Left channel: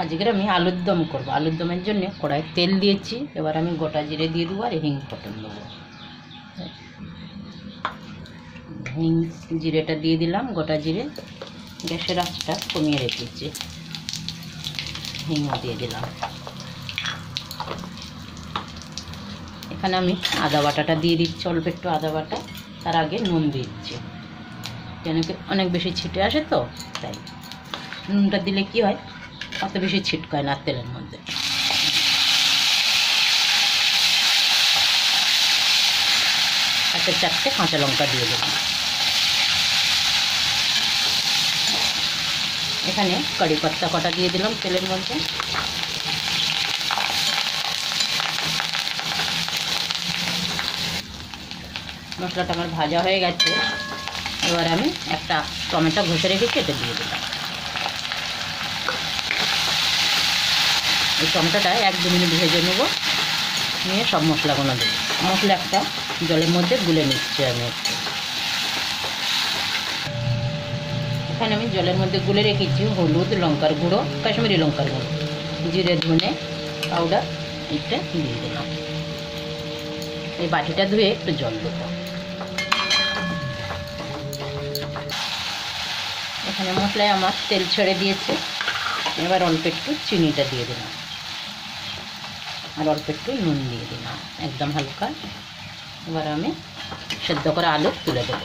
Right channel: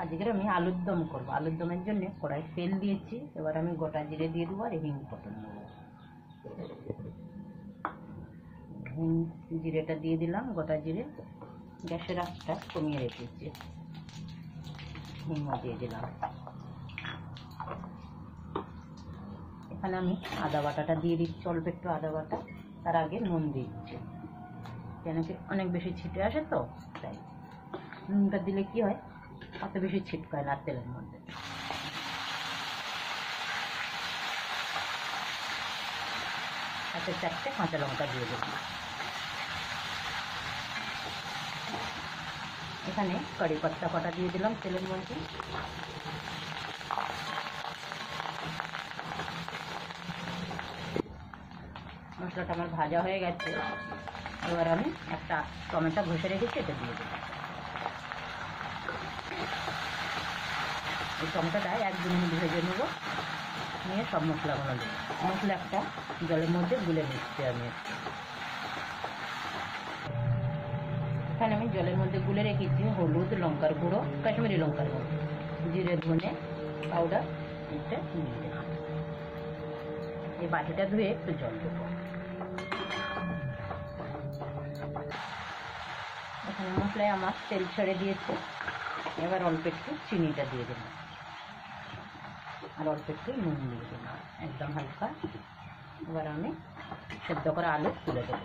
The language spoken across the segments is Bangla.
আজকে আমি আলুর দম করবো। আলুর দমের জন্য কড়াই তেল দিয়েছি। এবার আমি গোটা জিরে দিয়ে দেবো আর হিং ফোড়ন দেবো। হিং জিরেটা দিয়ে দিলাম, গোটা জিরে। গ্যাসের আঁচটা কমিয়ে রেখেছি। হিংও দিয়ে দিলাম। এখানে আমি আদা বাটাটা দিয়ে দিচ্ছি, অল্প একটু আদা বাটা। তার আগে নুন দিচ্ছি, কেন কি অনেক বেশি ছিটে আসে তো, তাই নুনটা দিলে কি হয়, অত বেশি ছিটকায় না তেলের মধ্যে। একটা 4টে কাঁচা লঙ্কা দিয়ে দেব। এখানে কারি পাতা কটা দিয়ে দিলাম তেলের মধ্যে। মশলাটা আমার ভাজা হয়ে গেছে। এবার আমি একটা টমেটো ঘষে রেখে কেটে দিয়ে দিলাম। এই টমেটোটা 1-2 মিনিট ভেজে নেব, নিয়ে সব মশলাগুলো দেবো। মশলা একটা জলের মধ্যে গুলে নিচ্ছি আমি। এখানে আমি জলের মধ্যে গুলে রেখেছি হলুদ, লঙ্কার গুঁড়ো, কাশ্মীরি লঙ্কার গুঁড়ো, জিরে ধনে পাউডার, এটা দিয়ে দিলাম। এই বাটিটা ধুয়ে একটু জল দেবো। এখানে মশলায় আমার তেল ছেড়ে দিয়েছে। এবার অল্প একটু চিনিটা দিয়ে দিলাম আর অল্প একটু নুন দিয়ে দিলাম, একদম হালকা। এবার আমি সেদ্ধ করে আলু তুলে দেবো।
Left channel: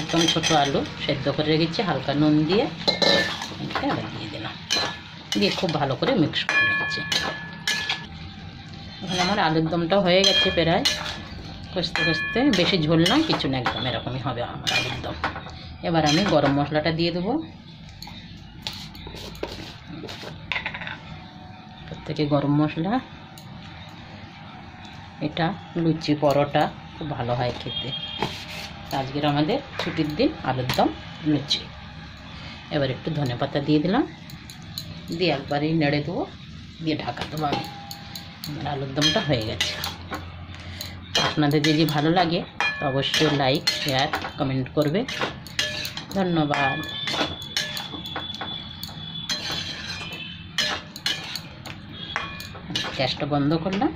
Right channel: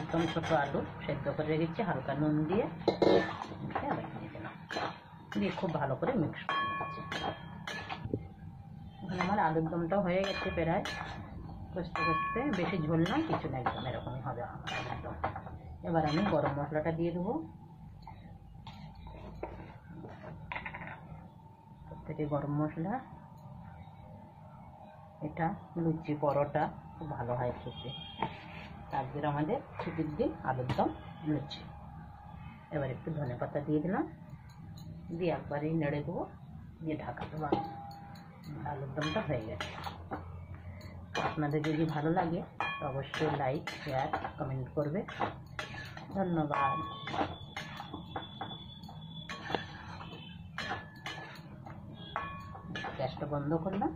একদম ছোটো আলু সেদ্ধ করে রেখেছি হালকা নুন দিয়ে। এটা এবার দিয়ে দিলাম, দিয়ে খুব ভালো করে মিক্স করে নিচ্ছি। এখন আমার আলুর দমটা হয়ে গেছে প্রায়। কষতে কষতে, বেশি ঝোল না কিছু না, একদম এরকমই হবে আমার আলুর দম। এবার আমি গরম মশলাটা দিয়ে দেবো। প্রত্যেকে গরম মশলা। এটা লুচি পরোটা খুব ভালো হয় খেতে। আজকের আমাদের ছুটির দিন আলুর দম লুচি। এবার একটু ধনেপাতা দিয়ে দিলাম, দিয়ে একবারেই নেড়ে দেবো, দিয়ে ঢাকা দেবো। আমি আলুর দমটা হয়ে গেছে। আপনাদের যদি ভালো লাগে তো অবশ্যই লাইক, শেয়ার, কমেন্ট করবে। ধন্যবাদ। গ্যাসটা বন্ধ করলাম।